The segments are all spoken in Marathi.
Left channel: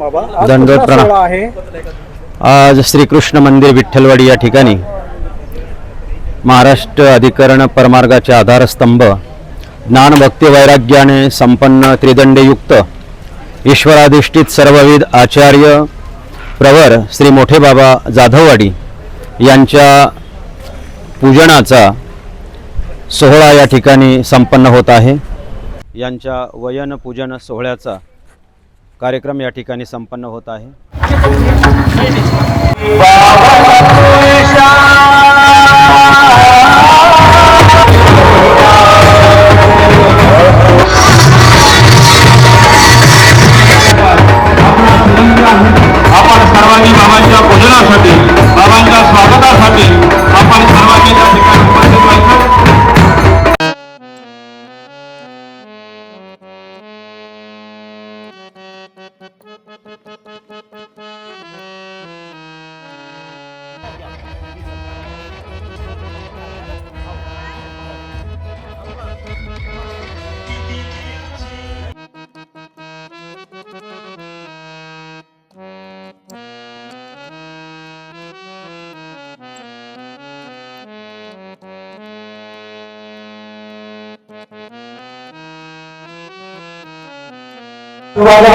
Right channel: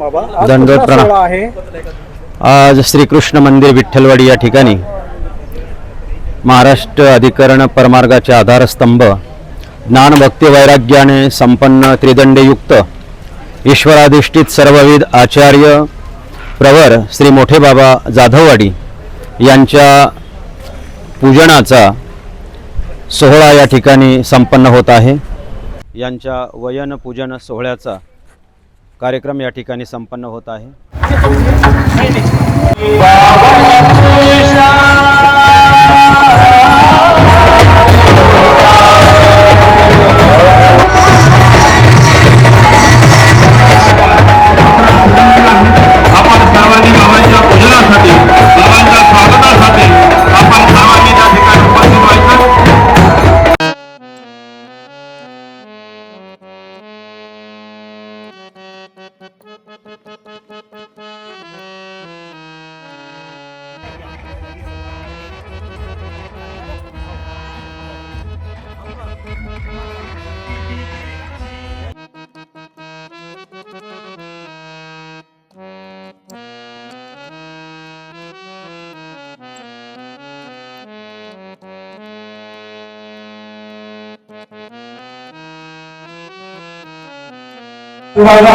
दंडोत प्रणाम आहे। आज श्रीकृष्ण मंदिर विठ्ठलवाडी या ठिकाणी महाराष्ट्र अधिकरण परमार्गाचे आधारस्तंभ ज्ञान भक्ती वैराग्याने संपन्न त्रिदंडयुक्त ईश्वराधिष्ठित सर्वविध आचार्य प्रवर श्री मोठे बाबा जाधववाडी यांच्या पूजनाचा सोहळा या ठिकाणी संपन्न होत आहे। यांच्या वयन पूजन सोहळ्याचा कार्यक्रम या ठिकाणी संपन्न होत आहे। आपण सर्वांनी बाबांच्या पूजनासाठी बाबांच्या स्वागतासाठी आपण सर्वांनी त्या ठिकाणी उपस्थित व्हायचं।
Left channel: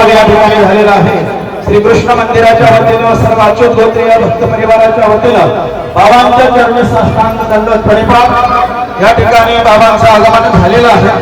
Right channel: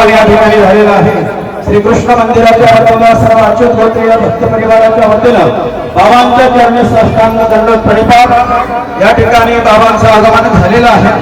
या ठिकाणी झालेला आहे। श्रीकृष्ण मंदिराच्या वतीनं सर्व अच्युत गोत्रीय भक्त परिवाराच्या वतीनं बाबांच्या चरणी साष्टांग दंडवत प्रणिपात या ठिकाणी बाबांचं आगमन झालेलं आहे।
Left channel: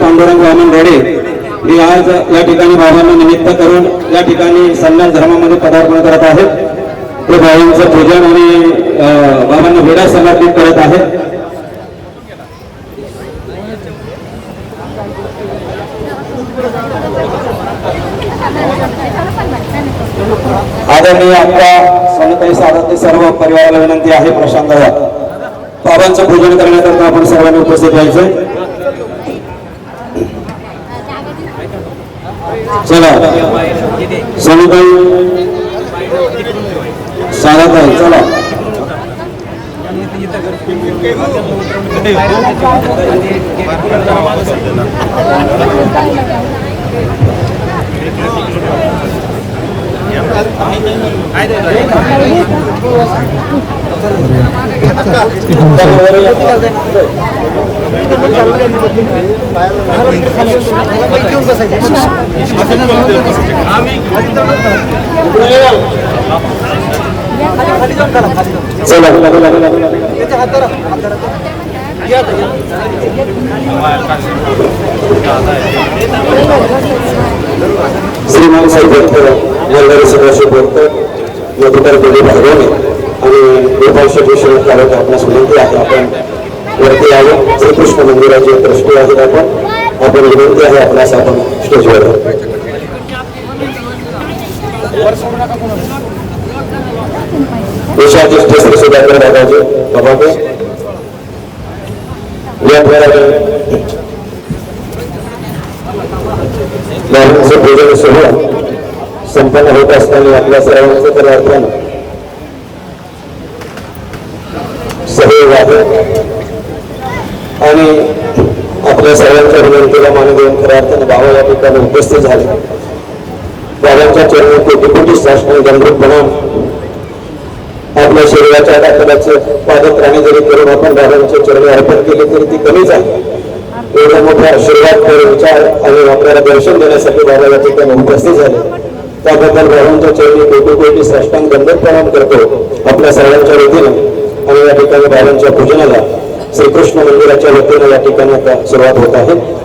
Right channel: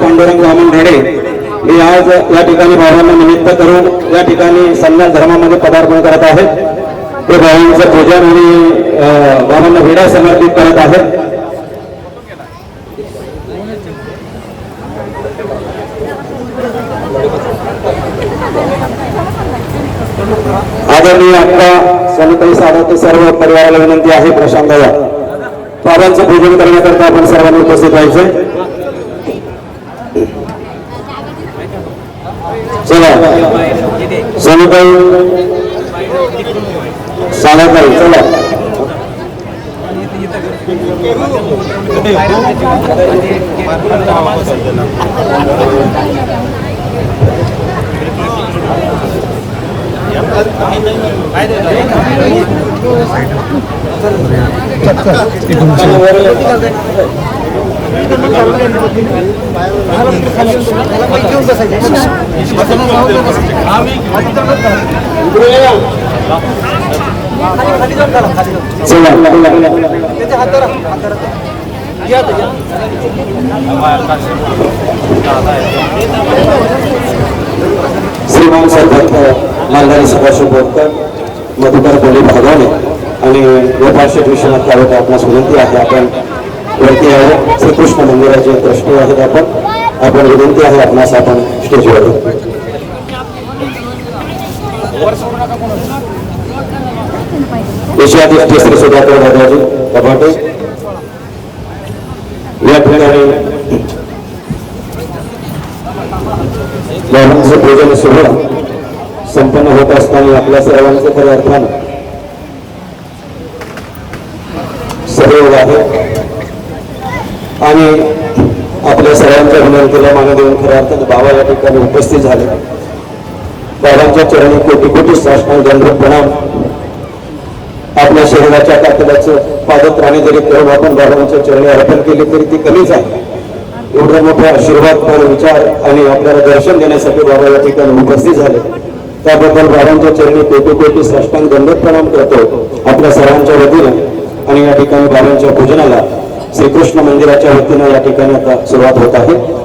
पांडुरंग वामन रेडे हे आज या ठिकाणी बाबांना निमित्त करून या ठिकाणी सन्मान धर्मामध्ये पदार्पण करत आहेत। ते बाबांचं पूजन आणि बाबांना वेढा समर्पित करत आहेत। आदरणीय आपल्या सनताई सावंत सर्व परिवाराला विनंती आहे प्रशांत बाबांचं पूजन करण्याकरता आपण सर्वांनी उपस्थित व्हायचं। चला सनताई सावंताई चला श्रीमान साहेब मालदारी सदाशिव भक्त मधुकर बली भागवणे आणि गोपाल विश्वनाथ कार्य आपणास विनंती आहे आपण वरती आहे। श्रीकृष्ण मंदिराचे ट्रस्टी आहेत आपण विनंती आहे आपणास आपण स्टेजवर विषयाधिष्ठ सुधाकर दादाजी बाबाजी या ठिकाणी बाबांचं पूजन सोहळा संपन्न होत असताना आपल्या सर्वांचं तर अर्थान सहयोग आहे आणि आपल्या सर्वांच्या विनंतीला मान देऊन खऱ्या अर्थाने बाबा या ठिकाणी उपस्थित झाले। बाबांच्या चरणी कोटी कोटी साष्टांग दंडवत प्रणाम। आपल्या शरीराच्या ताकदाचं पादत्राणे जरी करून आपण बाबांच्या चरणी अर्पण केली तरी ती कमीच आहे. एवढा मोठा आशीर्वाद आणि विचार आणि आपल्याला दर्शन देण्यासाठी बाबा या ठिकाणी उपस्थित झाले. त्याबद्दल बाबांच्या चरणी कोटी कोटी साष्टांग दंडवत प्रणाम करतो आपल्या सर्वांच्या वतीने. आणि या ठिकाणी बाबांच्या पूजनाला श्रीकृष्ण मंदिराच्या वतीने या ठिकाणी आता सुरुवात होत आहे.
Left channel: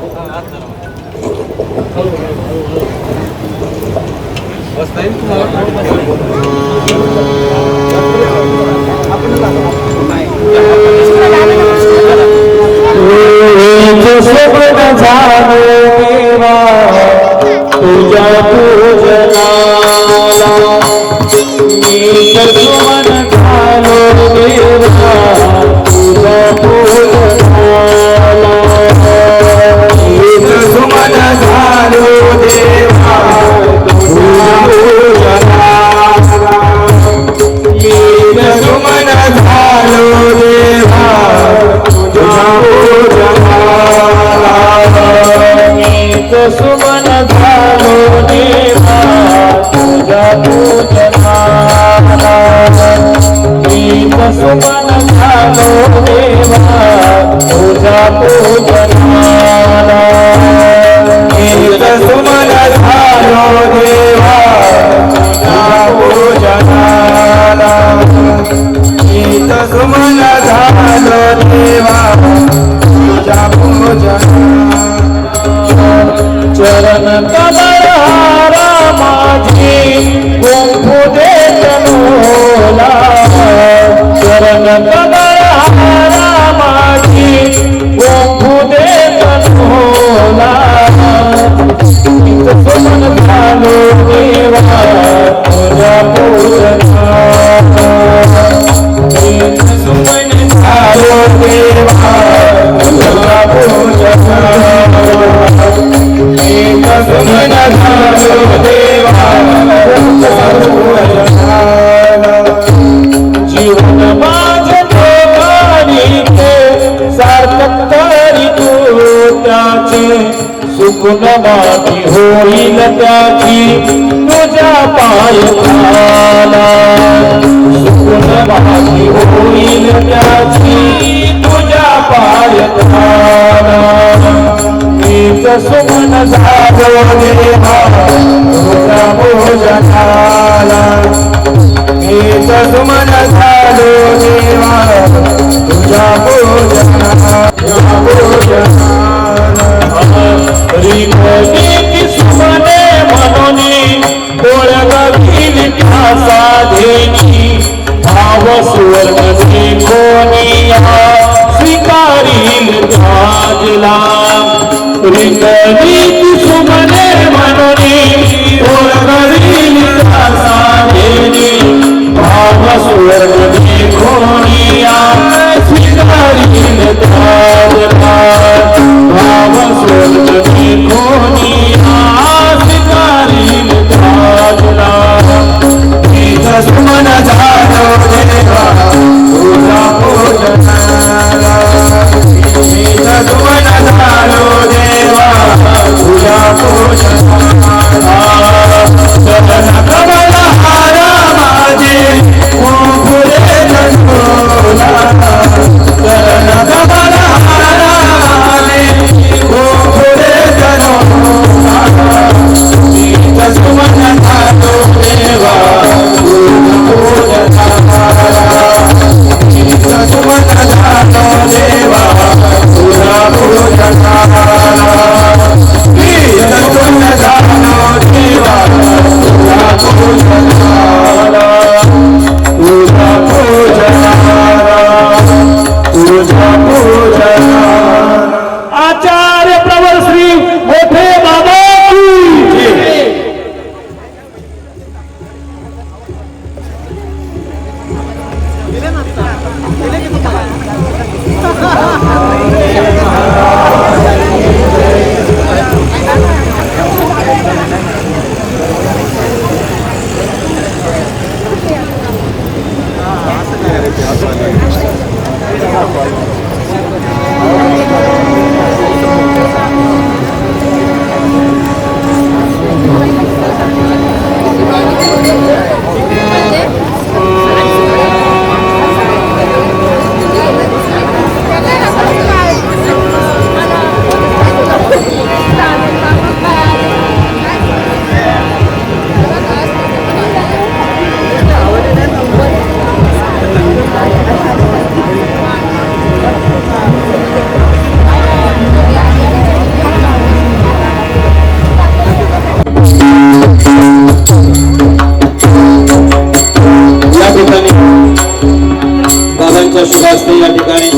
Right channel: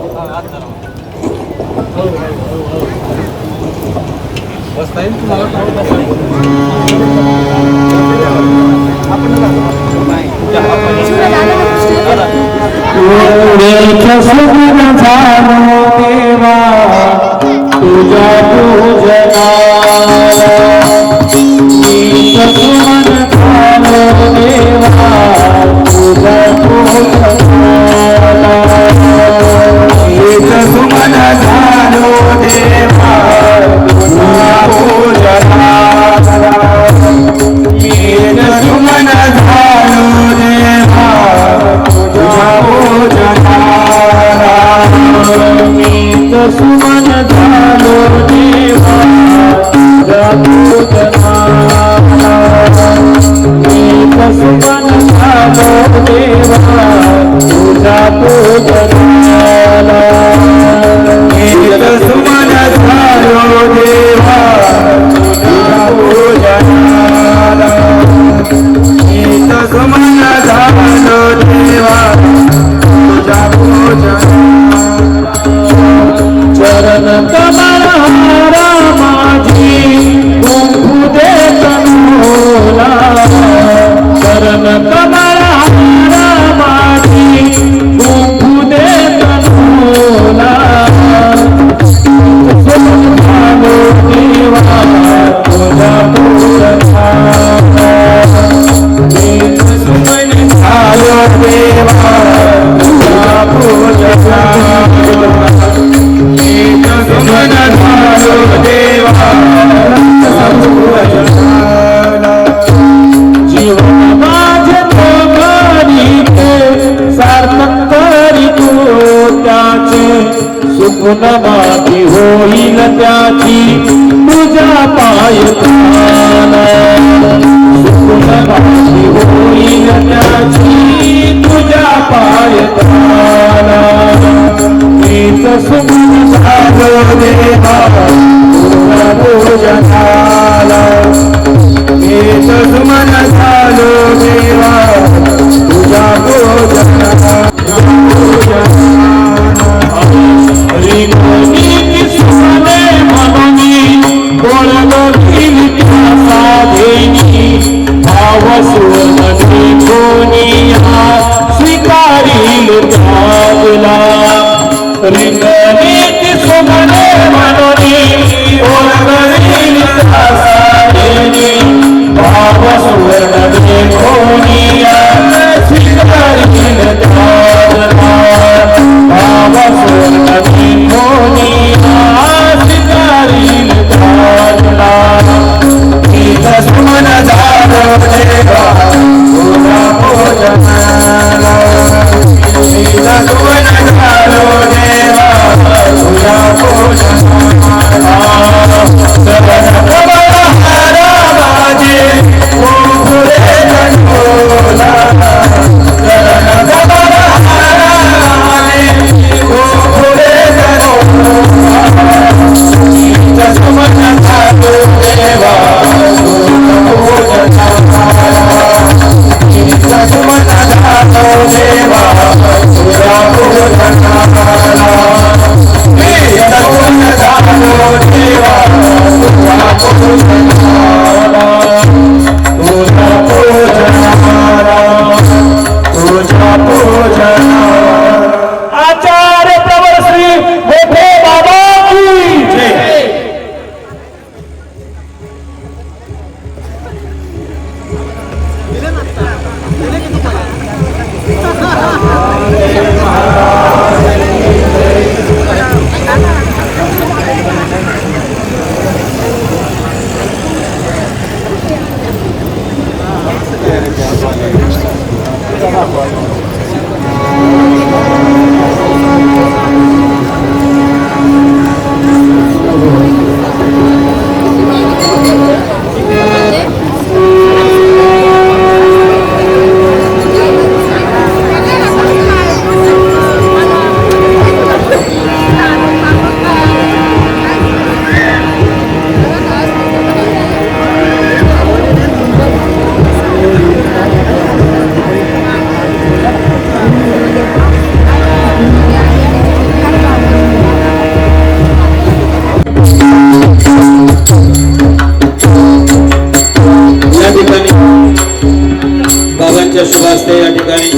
बाबांच्या शुभ हस्ते या ठिकाणी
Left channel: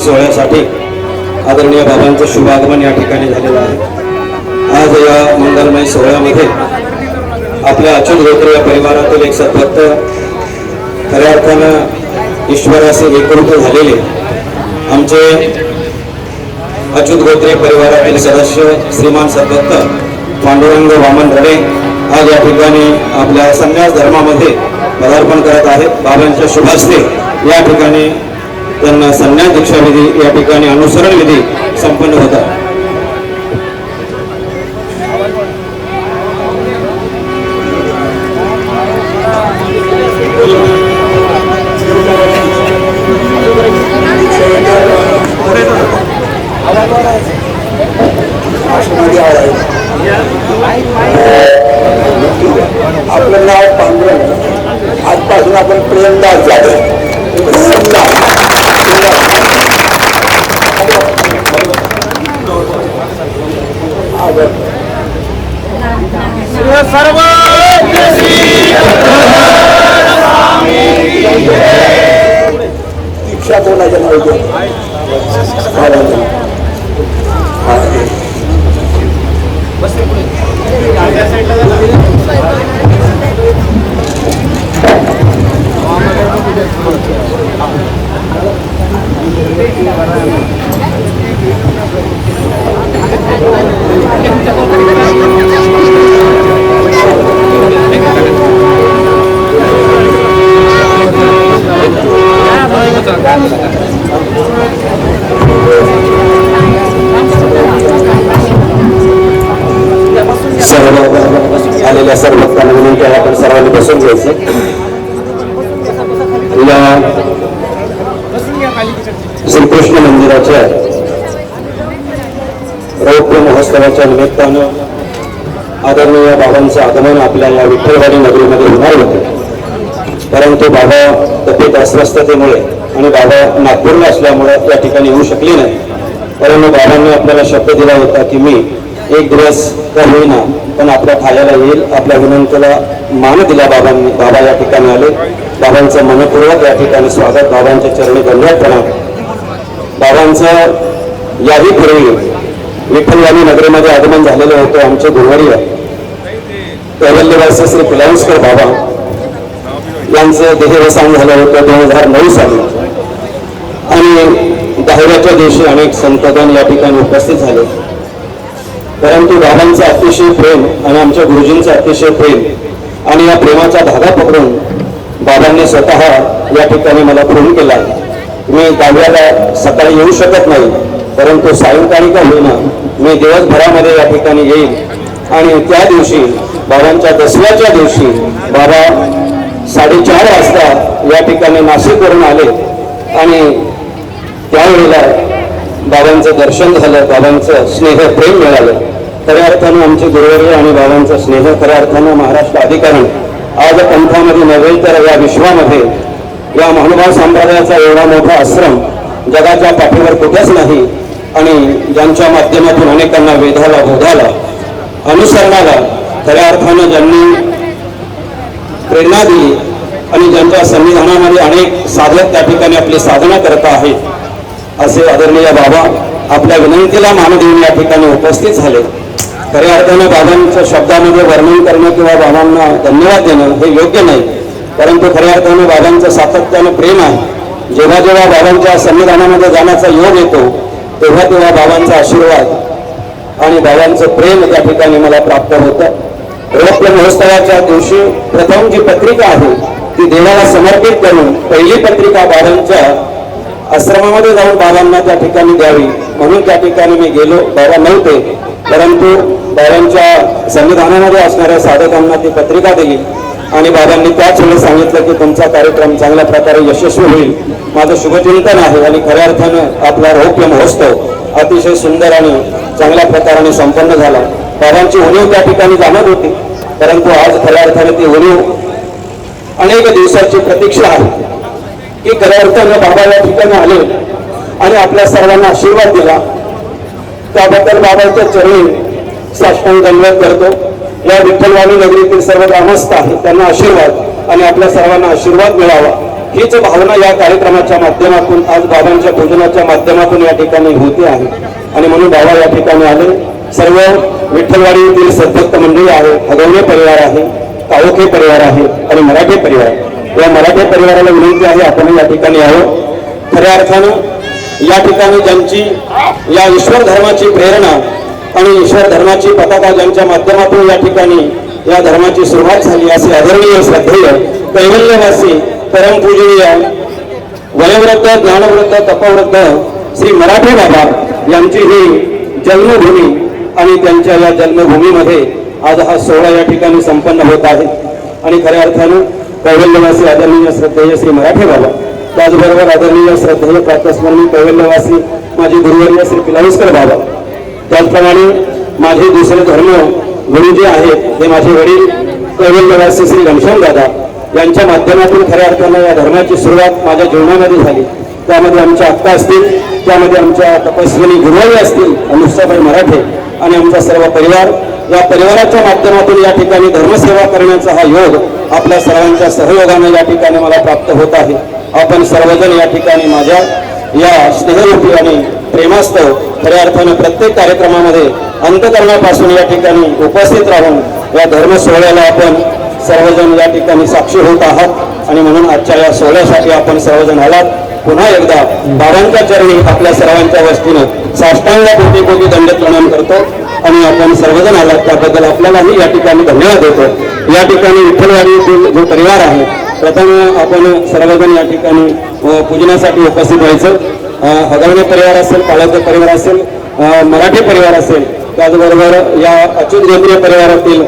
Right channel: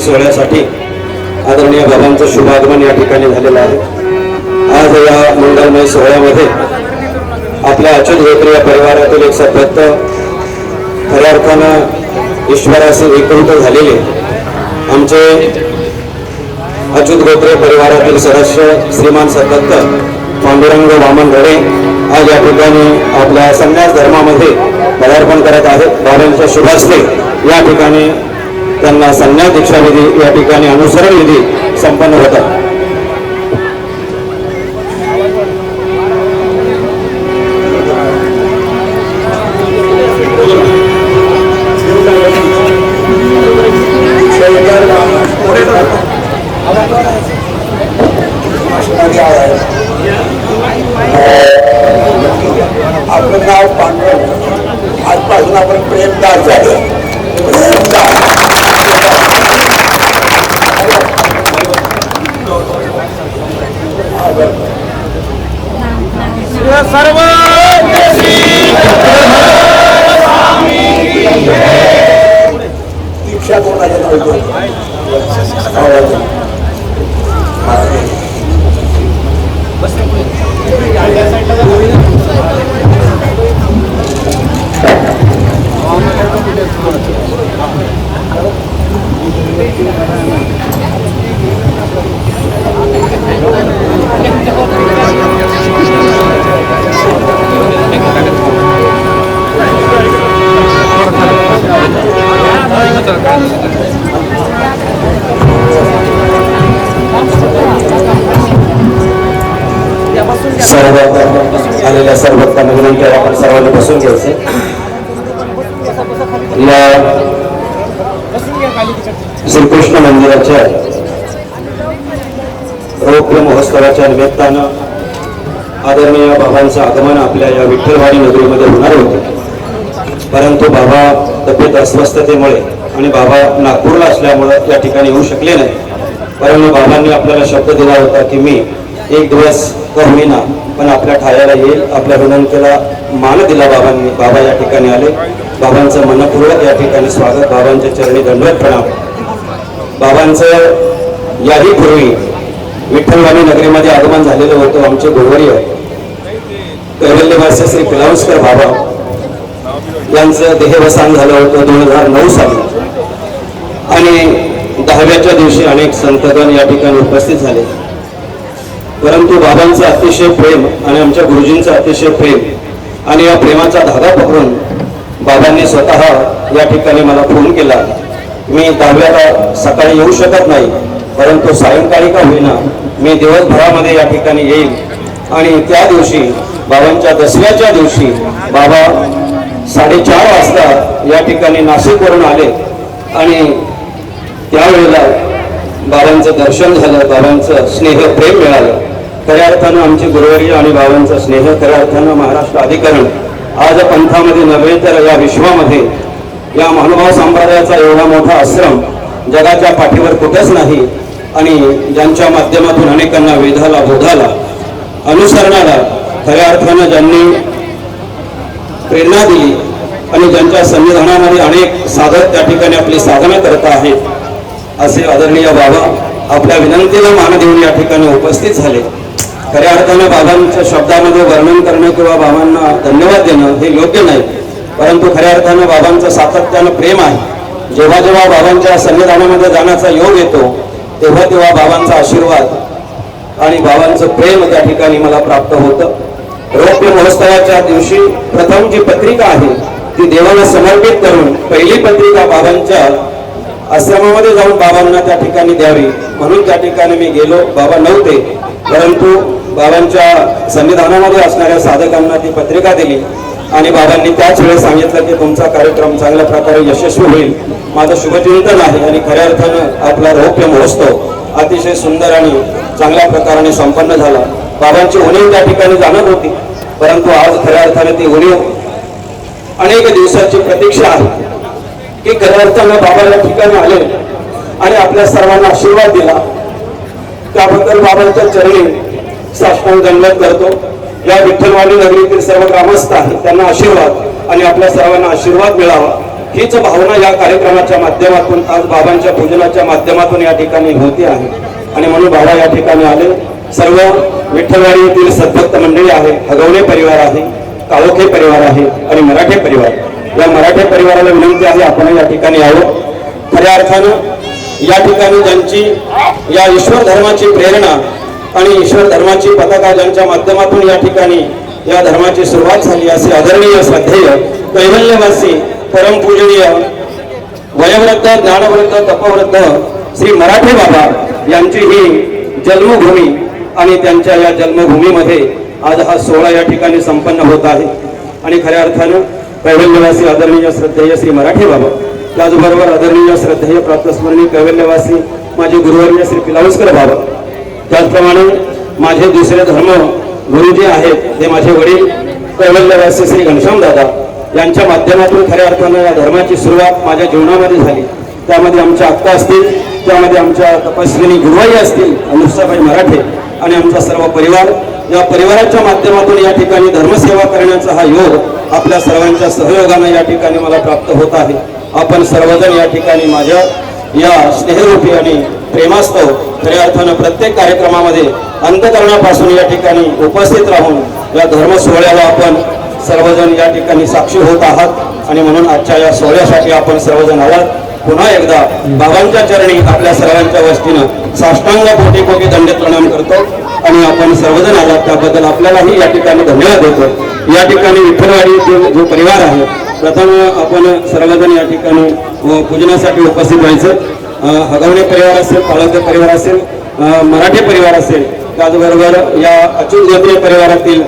सोहळ्यासाठी आदरणीय बाबांचं शुभ आगमन या ठिकाणी झालेलं आहे। आज या मंगलमय सोहळ्यामध्ये आपल्या अच्युत गोत्रे या परिवारातील एक सद्भक्त खऱ्या अर्थानं ईश्वराचे एकरूप झालेले आमचे अच्युत गोत्रे परिवारातील सदस्य श्रीमान सद्भक्त पांडुरंग वामन रडे आज या ठिकाणी आपल्या संन्यास धर्मामध्ये पदार्पण करत आहेत। बाबांच्या शुभ हस्ते या ठिकाणी त्यांना संन्यास दीक्षाविधी या ठिकाणी अनुसरण विधी संपन्न होता। सर्व आलेल्या सर्व भक्तांना विनंती आहे आपण सर्वांनी बसून घ्यायचे। श्रीकृष्ण मंदिराच्या रौप्य महोत्सवाच्या निमित्तानं आदरणीय बाबांचं आगमन आपल्या या विठ्ठलवाडी नगरीमध्ये होणार होते, परंतु बाबा तब्येत अस्वस्थतेमुळे आणि बाबा नागपूरला असल्यामुळे या ठिकाणी येऊ शकले नाही। कारण बाबांनी आपल्याला शब्द दिला होता की मी एक दिवस का होईना पण आपल्या ठायाला येईल। आपल्या विनंतीला मान दिला बाबांनी। बाबा या ठिकाणी आले। बाबांचं मनपूर्वक या ठिकाणी स्वागत। बाबांच्या चरणी धन्यवाद प्रणाम। बाबांचं याही पूर्वी विठ्ठलवाडी नगरीमध्ये आगमन झालेलं होतं। आमचे गुरुवर्य कैवल्यवासी श्री पिलावस्कर बाबा यांचं देहवसान झालं होतं 2009 साली आणि 10व्याच्या दिवशी अनेक संतगण या ठिकाणी उपस्थित झाले। परंतु बाबांचं अतिशय प्रेम आणि आमच्या गुरुजींचं अतिशय प्रेम आणि या प्रेमाचा धागा पकडून बाबांनी स्वतः या ठिकाणी मला फोन केला। मी 10व्याला सकाळी येऊ शकत नाही, परंतु सायंकाळी का होईना मी दिवसभरामध्ये या ठिकाणी येईल। आणि त्या दिवशी बाबांच्या 10व्याच्या दिवशी बाबा 4:30 वाजता या ठिकाणी नाशिकवरून आले आणि त्यावेळेला बाबांचं दर्शन झालं, बाबांचं स्नेह प्रेम मिळालं। खऱ्या अर्थानं आमचे गुरुवर्य आणि बाबांचं स्नेह खऱ्या अर्थानं महाराष्ट्र अधिकरण आज पंथामध्ये नव्हे तर या विश्वामध्ये या महानुभाव संप्रदायाचा एवढा मोठा आश्रम जगाच्या पाठीवर कुठेच नाही आणि ज्यांच्या माध्यमातून अनेकांना वेधाला बोधाला अनुसरणाला खऱ्या अर्थानं ज्यांनी प्रेरणा दिली आणि ज्यांच्या संविधानामध्ये अनेक साधक त्या ठिकाणी आपली साधना करत आहेत असे आदरणीय बाबा आपल्या विनंतीला मान देऊन या ठिकाणी उपस्थित झाले। खऱ्या अर्थानं बाबांच्या शब्दामध्ये वर्णन करणे किंवा बाबांना धन्यवाद देणं हे योग्य नाही, परंतु खऱ्या अर्थानं बाबांचं सातत्यानं प्रेम आहे। जेव्हा जेव्हा बाबांच्या संविधानामध्ये जाण्याचा योग येतो तेव्हा तेव्हा बाबांचा आशीर्वाद आणि बाबांचं प्रेम त्या ठिकाणी मला प्राप्त होतं। रौप्य महोत्सवाच्या दिवशी प्रथम जी पत्रिका आहे ती देवाला समर्पित करून पहिली पत्रिका बाबांच्या आश्रमामध्ये जाऊन बाबांना त्या ठिकाणी द्यावी म्हणून त्या ठिकाणी मी गेलो। बाबा नव्हते, परंतु बाबांच्या संविधानामध्ये असणाऱ्या साधकांना ती पत्रिका दिली आणि बाबांनी त्याच वेळेस सांगितलं की तुमचा कार्यक्रम चांगल्या प्रकारे यशस्वी होईल। माझं शुभचिंतन आहे आणि खऱ्या अर्थानं आपला रौप्य महोत्सव अतिशय सुंदर आणि चांगल्या प्रकारे संपन्न झाला। बाबांची उणीव त्या ठिकाणी जाणत होती, परंतु आज खऱ्या अर्थाने ती उणीव अनेक दिवसाची प्रतीक्षा आहे की खऱ्या अर्थानं बाबा या ठिकाणी आले आणि आपल्या सर्वांना आशीर्वाद दिला। त्याबद्दल बाबांच्या चरणी साष्टांग दंडवत करतो। या विठ्ठलवाडी नगरीतील सर्व ग्रामस्थ आहेत त्यांना आशीर्वाद आणि आपल्या सर्वांना आशीर्वाद मिळावा हीच भावना या कार्यक्रमाच्या माध्यमातून आज बाबांच्या पूजनाच्या माध्यमातून या ठिकाणी होती आहे आणि म्हणून बाबा या ठिकाणी आले. सर्व विठ्ठलवाडी येथील सद्भक्त मंडळी आहे, हगवणे परिवार आहे, काळोखे परिवार आहे आणि मराठे परिवार. या मराठे परिवाराला विनंती आहे आपण या ठिकाणी यावं. खऱ्या अर्थानं या ठिकाणी ज्यांची या ईश्वर धर्माची प्रेरणा आणि ईश्वर धर्माची पताका ज्यांच्या माध्यमातून या ठिकाणी या धर्माची सुरुवात झाली असे आदरणीय श्रद्धेय कैवल्यवासी परमपूजनीय वयोवृद्ध ज्ञानवृद्ध तपवृद्ध श्री मराठे बाबा यांची ही जन्मभूमी आणि त्यांच्या या जन्मभूमीमध्ये आज हा सोहळा या ठिकाणी संपन्न होत आहे. आणि खऱ्या अर्थानं कैवल्यवासी आदरणीय श्रद्धेय श्री मराठे बाबा, त्याचबरोबर आदरणीय श्रद्धेय प्रातस्मरणीय कैवल्यवासी माझे गुरुवर्य श्री पिलावस्कर बाबा, त्याचप्रमाणे माझे दुसरे धर्म गुरु जे आहेत ते माझे वडील कैवल्यवासी श्री घनश्याम दादा यांच्या माध्यमातून खऱ्या अर्थानं या धर्माची सुरुवात माझ्या जीवनामध्ये झाली. त्यामध्ये आमच्या अक्का असतील, त्यामध्ये आमच्या तपस्विनी गुरुवारी असतील अनुष्ठाबाई मराठे आणि आमचा सर्व परिवार. या परिवाराच्या माध्यमातून या ठिकाणी धर्मसेवा करण्याचा हा योग आपल्या सर्वांच्या सहयोगाने या ठिकाणी मला प्राप्त होत आहे. आपण सर्वजण या ठिकाणी माझ्या या स्नेहरूपी आणि प्रेमास्तव खऱ्या अर्थानं प्रत्येक कार्यक्रमामध्ये अंतकरणापासून या ठिकाणी उपस्थित राहून या धर्म सोहळ्याला आपण सर्वजण या ठिकाणी साक्षी होत आहात आणि म्हणून आजच्या या सोहळ्यासाठी आपण सर्वजण आलात. पुन्हा एकदा बाबांच्या चरणी आपल्या सर्वांच्या वतीनं साष्टांग कोटी कोटी दंडवत प्रणाम करतो आणि आपण सर्वजण आलात त्याबद्दल आपल्यालाही या ठिकाणी धन्यवाद देतो. या ठिकाणी विठ्ठलवाडीतील जो परिवार आहे प्रथम आपण सर्वजण या ठिकाणी पूजनासाठी उपस्थित व्हायचं. हगवणे परिवार असेल, काळोखे परिवार असेल, मराठे परिवार असेल, त्याचबरोबर या अच्युत गोत्रे परिवारातील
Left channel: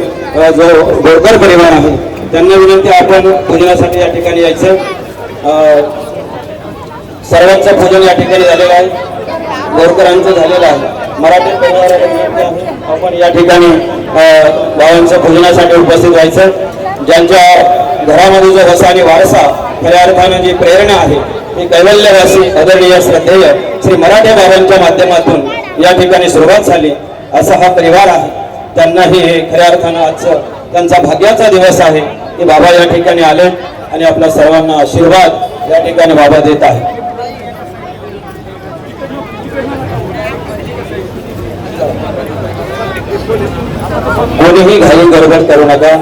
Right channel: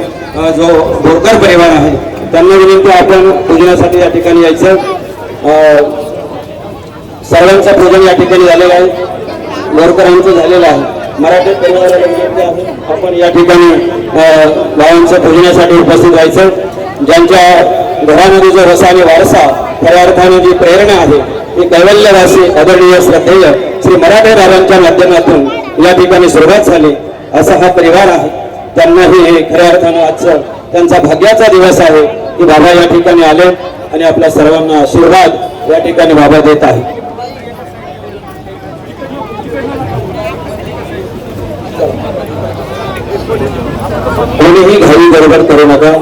जो बोरकर परिवार आहे त्यांना विनंती आपण पूजनासाठी या ठिकाणी यायचं. सर्वांचं पूजन या ठिकाणी झालेलं आहे, बोरकरांचं झालेलं आहे. मराठी परिवाराला आपण या ठिकाणी बाबांच्या पूजनासाठी उपस्थित व्हायचं. ज्यांच्या घरामध्ये जो रस आणि वारसा खऱ्या अर्थानं जी प्रेरणा आहे ती कैवल्यवासी आदरणीय श्रद्धेय श्री मराठे बाबांच्या माध्यमातून या ठिकाणी सुरुवात झाली असा हा परिवार आहे. त्यांनाही हे खऱ्या अर्थानं आजचं त्यांचा भाग्याचा दिवस आहे की बाबा या ठिकाणी आले आणि आपल्या सर्वांना आशीर्वाद या ठिकाणी बाबा देत आहे. कोणीही घालून गडबड करू नका,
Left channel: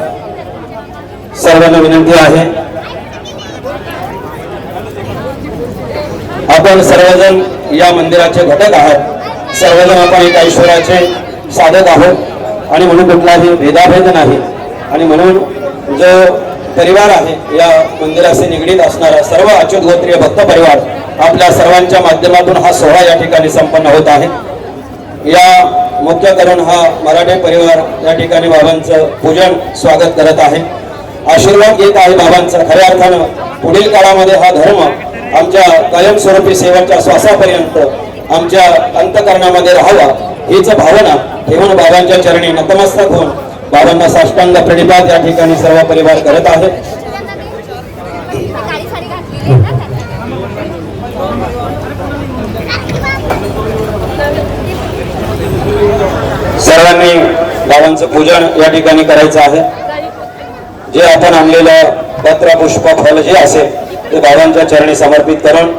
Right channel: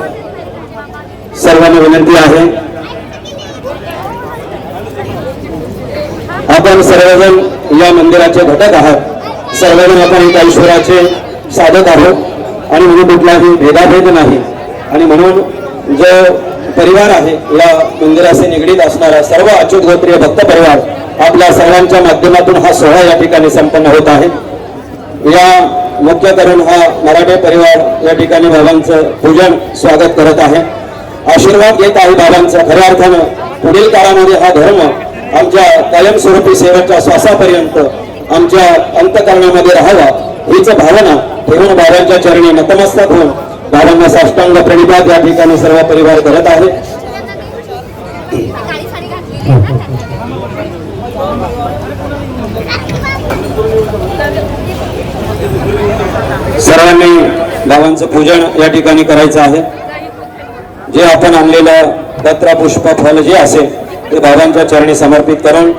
सर्वांना विनंती आहे. आपण सर्वजण या मंदिराचे घटक आहात, सर्वजण आपण एका ईश्वराचे साधक आहोत आणि म्हणून कुठलाही भेदाभेद नाही. आणि म्हणून जो परिवार आहे या मंदिराशी निगडीत असणारा सर्व अच्युत गोत्रीय भक्त परिवार आपल्या सर्वांच्या माध्यमातून हा सोहळा या ठिकाणी संपन्न होत आहे. या मुख्य करून हा मराठे परिवार या ठिकाणी बाबांचं पूजन स्वागत करत आहे, आशीर्वाद घेत आहे बाबांचा. खऱ्या अर्थानं पुढील काळामध्ये हा धर्म आमच्या कायमस्वरूपी सेवेच्या श्वासापर्यंत आमच्या अंतकरणामध्ये राहावा हीच भावना ठेवून बाबांच्या चरणी नतमस्तक होऊन बाबांना साष्टांग प्रणिपात या ठिकाणी सर्व परिवार करत आहे. सर्वांनी बाबांचं पूजन या ठिकाणी करायचं आहे. जे आपण आणलेलं पत्र पुष्प फल जे असेल ते बाबांच्या चरणी समर्पित करून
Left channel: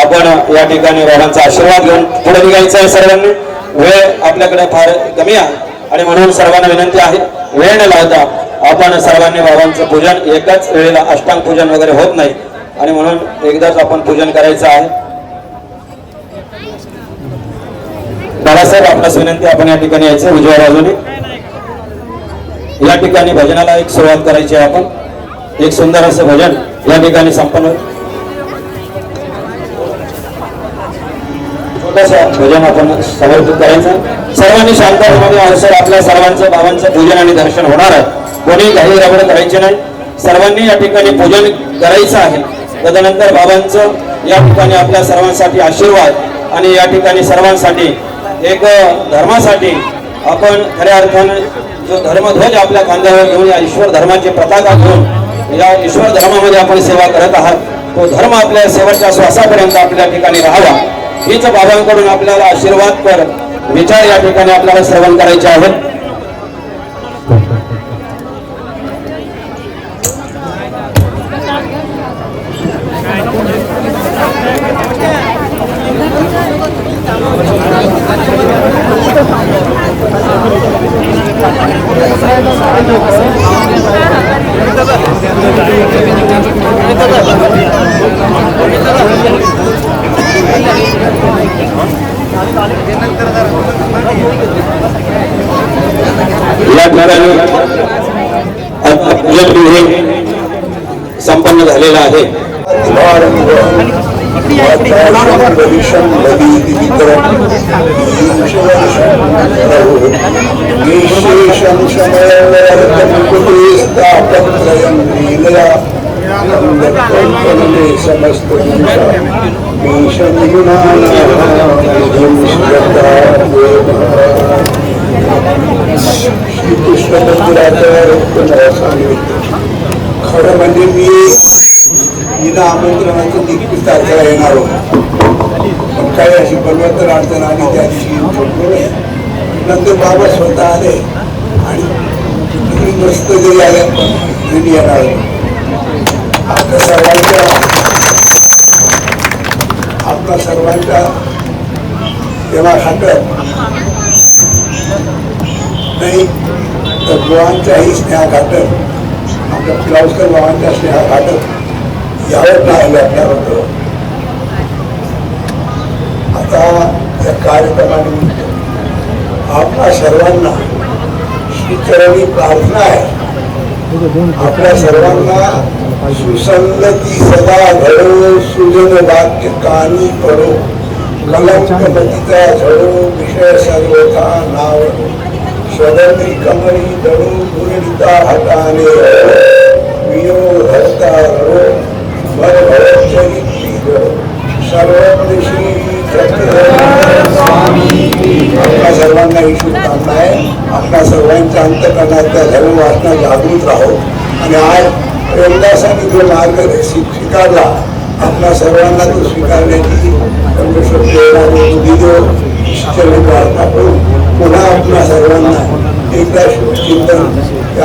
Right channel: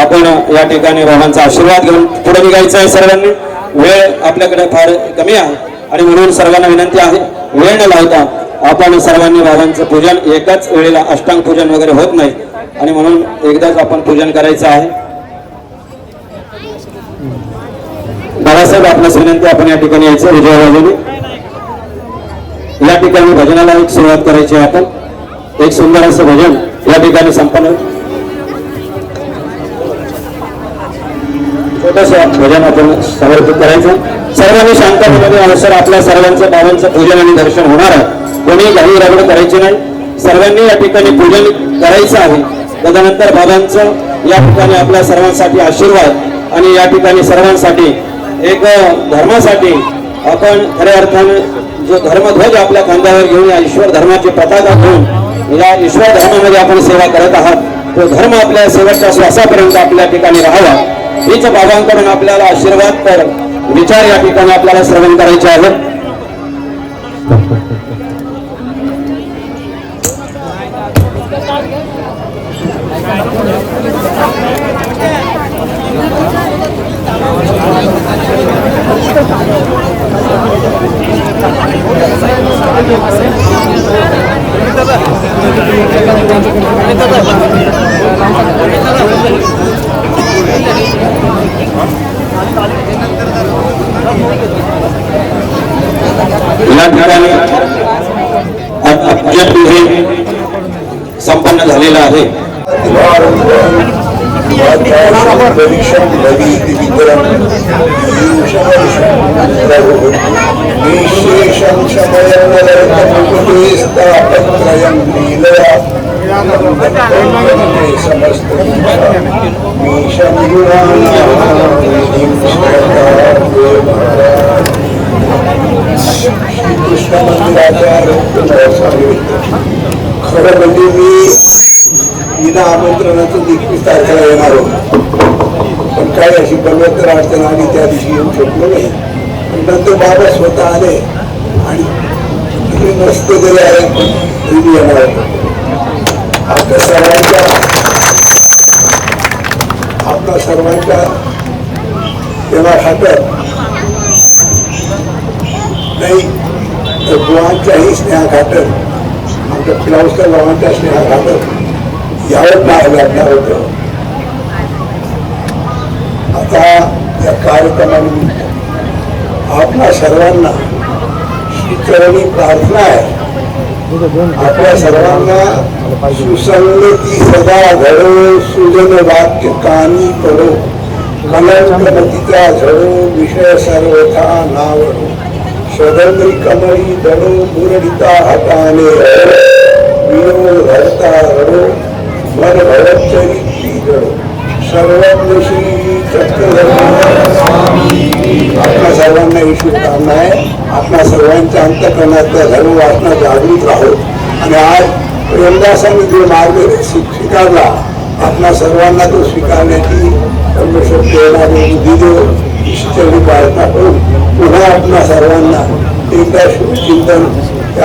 आपण या ठिकाणी बाबांचा आशीर्वाद घेऊन पुढे निघायचं आहे. सर्वांना वेळ आपल्याकडे फार कमी आहे आणि म्हणून सर्वांना विनंती आहे वेळ न लावता आपण सर्वांनी बाबांचं पूजन एकाच वेळेला अष्टांग पूजन वगैरे होत नाही आणि म्हणून एकदाच आपण पूजन करायचं आहे. बाबासाहेब आपल्यास विनंती आपण या ठिकाणी यायचं उजव्या बाजूने. या ठिकाणी भजनाला एक सुरुवात करायची आहे. आपण एक सुंदर असं भजन या ठिकाणी संपन्न छोटंसं भजन आपण समर्पित करायचं. सर्वांनी शांतपणे अवसर आपल्या सर्वांचं बाबांचं पूजन आणि दर्शन होणार आहे. कोणी काही रगड करायचे नाही, सर्वांनी या ठिकाणी पूजन करायचं आहे. तदनंतर बाबांचं या ठिकाणी आपल्या सर्वांसाठी आशीर्वाद आणि या ठिकाणी सर्वांसाठी एक धर्मासाठी आपण खऱ्या अर्थानं जो धर्मध्वज आपल्या खांद्यावर घेऊन या ईश्वर धर्माची पताका घेऊन या ईश्वर धर्मामध्ये आपण सेवा करत आहात. तो धर्म आपल्या सेवेच्या श्वासापर्यंत आपल्या ठिकाणी राहावा हीच बाबांकडून आपल्याला आशीर्वाद तर विचार या ठिकाणी आपल्याला श्रवण करायचे आहेत. या ठिकाणी अत्यंत संपन्न झालेला आहे. श्रीकृष्ण मंदिराच्या खरं म्हणजे मी बिना आमंत्रणाचं 21 तारखेला येणार होतो, पण काही अशी प्रगत अडचण आली त्या दिवशी येऊ शकलो नाही. नंतर बाबा स्वतः आले आणि तुम्ही मस्त जरी आले तरी येणार. आपल्या सर्वांच्या तेव्हा हातात नाही तर गुणांच्याही स्नेहा घाटत, आपल्या पिलावस्कर गावांच्या स्नेहा घाटत यावर पाहायला लागणार होतं. आता या कार्यक्रमानिमित्त आपल्या सर्वांना श्रीचरणी प्रार्थना आहे. आपल्या सर्वांना सुसंगती सदा घडो, सुजन वाक्य कानी पडो, कलंकमतीचा झडो, विषय सर्वथा नावडो, स्वदंत्री कमळी दडो, मुरडिता हाताने वियोग धरता रडो, मन भरतचरित्री जडो, सर्वज्ञ चक्रधर स्वामी. आपल्या सर्वांना ही शुभकामना आहे. आपल्या सर्वांच्या अंतकरणातल्या धर्म वासना जागृत राहो आणि आज प्रेमदासांनी जो मार्ग स्वीकारला, आपल्या सर्वांना तो स्वीकारण्याची प्रार्थना करून पुन्हा आपल्या सर्वांना एकदा शुभचिंतन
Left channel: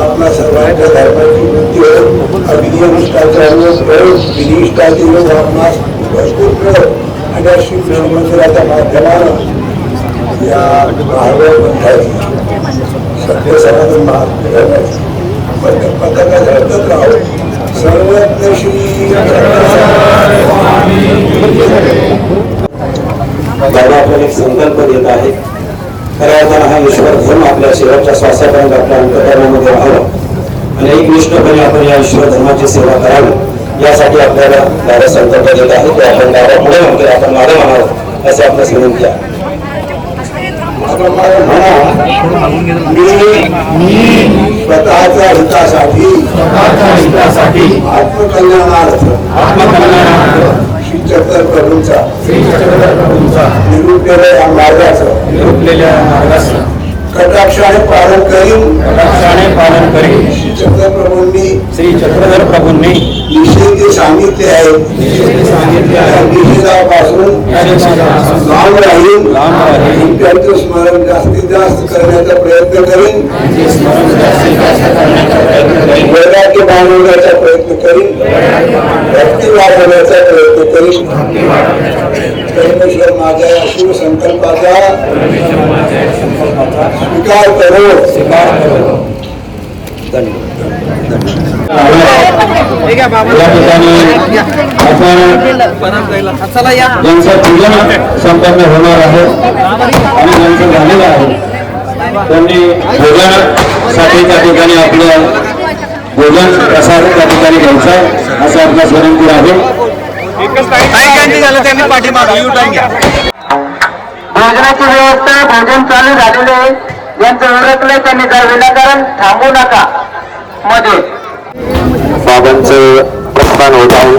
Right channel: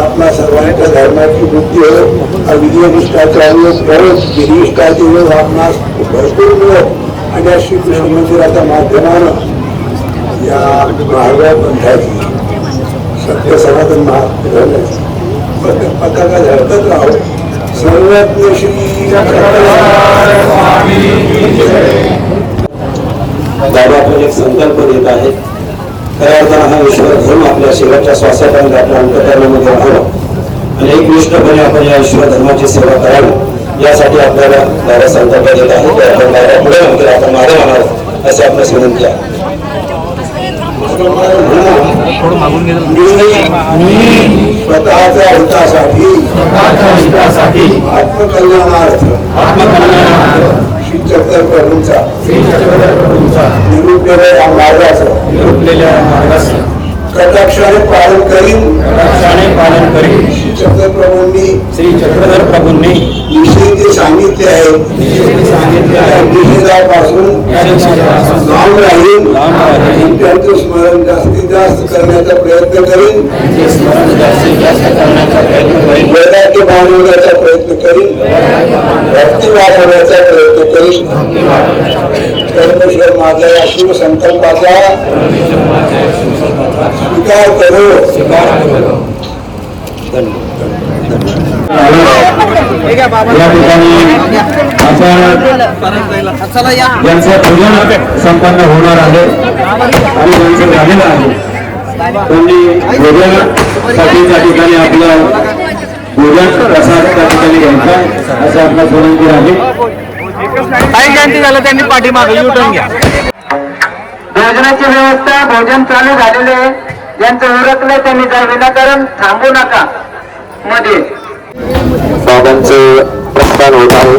आपल्या सर्वांच्या धर्माची वृत्ती हो, विधिनिष्ठाचार विधिनिष्ठाचे योग आपणास भरपूर मिळो आणि या श्रीकृष्ण मंदिराच्या माध्यमानं या भागवत पंथाची सत्य सनातन महाराजांची पताका झळकत राहो. सर्वज्ञ श्री बाबा आपण एक संकल्प देत आहे. खऱ्या अर्थानं हा ईश्वर धर्म आपल्या शेवटच्या श्वासापर्यंत आपल्या अंतःकरणामध्ये राहावं आणि एकनिष्ठपणे आपण या ईश्वर धर्माची सेवा करावी यासाठी आपल्याला दादा संकल्प देत आहे की आपण दादा पुढे नंतर आपण माझं म्हणावं असं आपल्यास विनंती आहे. स्वतःच्या हितासाठी आत्मकल्याणार्थ श्री चक्रधर प्रभूंचा निरूपलेल्या मार्गाचं कटाक्षाने पालन करीन. श्री चक्रधर प्रभूंनी निषेध सांगितले आहे, निषेधापासून लांब राहील, त्यांचं स्मरण जास्तीत जास्त करण्याचा प्रयत्न करीन, वैराग्य बांधवण्याचा प्रयत्न करीन, भक्ती वाढवण्याचा प्रयत्न करीन. तर माझ्या या शुभ संकल्पाचा स्वीकार करो. यांचं पूजन संपन्न होणार आहे आणि यांचं झालेलं आहे. त्यांनी भोजनासाठी त्या ठिकाणी आपलं भोजन प्रसाद त्या ठिकाणी घ्यायचा असं आपला विनंती आहे. झालं त्यांनी पाठीमागे युटर्न घ्या. भोजनाची व्यवस्था भोजन चालू झालेलं आहे. यांचं उरकलं त्यांनी जर विनाकारण थांबू नका. मध्ये बाबांचं प्रस्थान होत आहे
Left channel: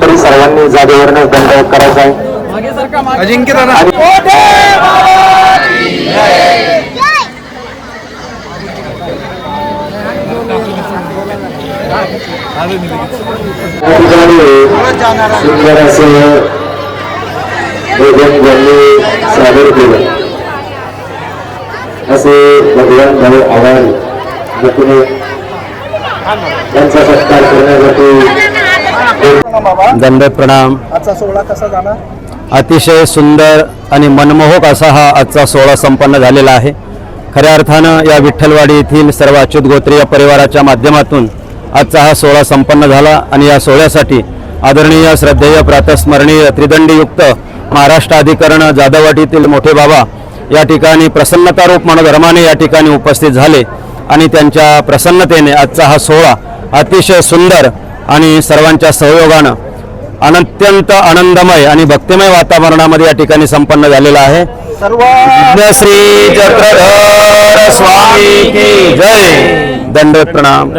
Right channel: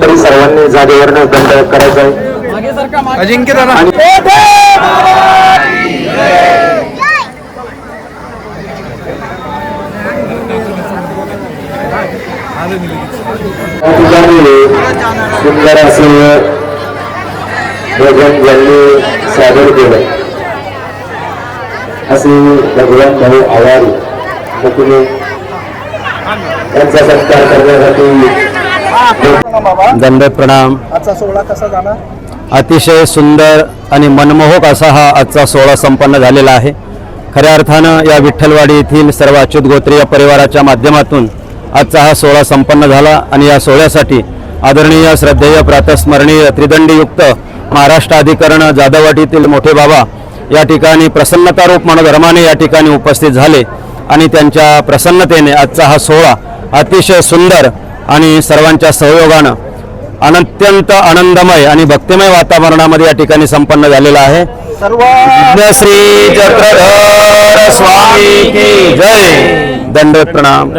तरी सर्वांनी जागेवरनं दंड करायचा आहे. अजिंक्य सुंदर असे भोजन ज्यांनी सादर केलं असे भगवान भाऊ आवारी मुकुने यांचा सत्कार करण्यासाठी दंडवत प्रणाम. आजचा सोहळा कसा झाला? अतिशय सुंदर आणि मनमोहक असा हा आजचा सोहळा संपन्न झालेला आहे. खऱ्या अर्थानं या विठ्ठलवाडी येथील सर्व अच्युत गोत्रीय परिवाराच्या माध्यमातून आजचा हा सोहळा संपन्न झाला आणि या सोहळ्यासाठी आदरणीय श्रद्धेय प्रातस्मरणीय त्रिदंडीयुक्त महाराष्ट्र अधिकरण जाधववाडीतील मोठे बाबा या ठिकाणी प्रसन्नतारूप मनोधर्माने या ठिकाणी उपस्थित झाले आणि त्यांच्या प्रसन्नतेने आजचा हा सोहळा अतिशय सुंदर आणि सर्वांच्या सहयोगानं अत्यंत आनंदमय आणि भक्तिमय वातावरणामध्ये या ठिकाणी संपन्न झालेला आहे. श्री चक्रधर स्वामी की जय. दंडवत प्रणाम.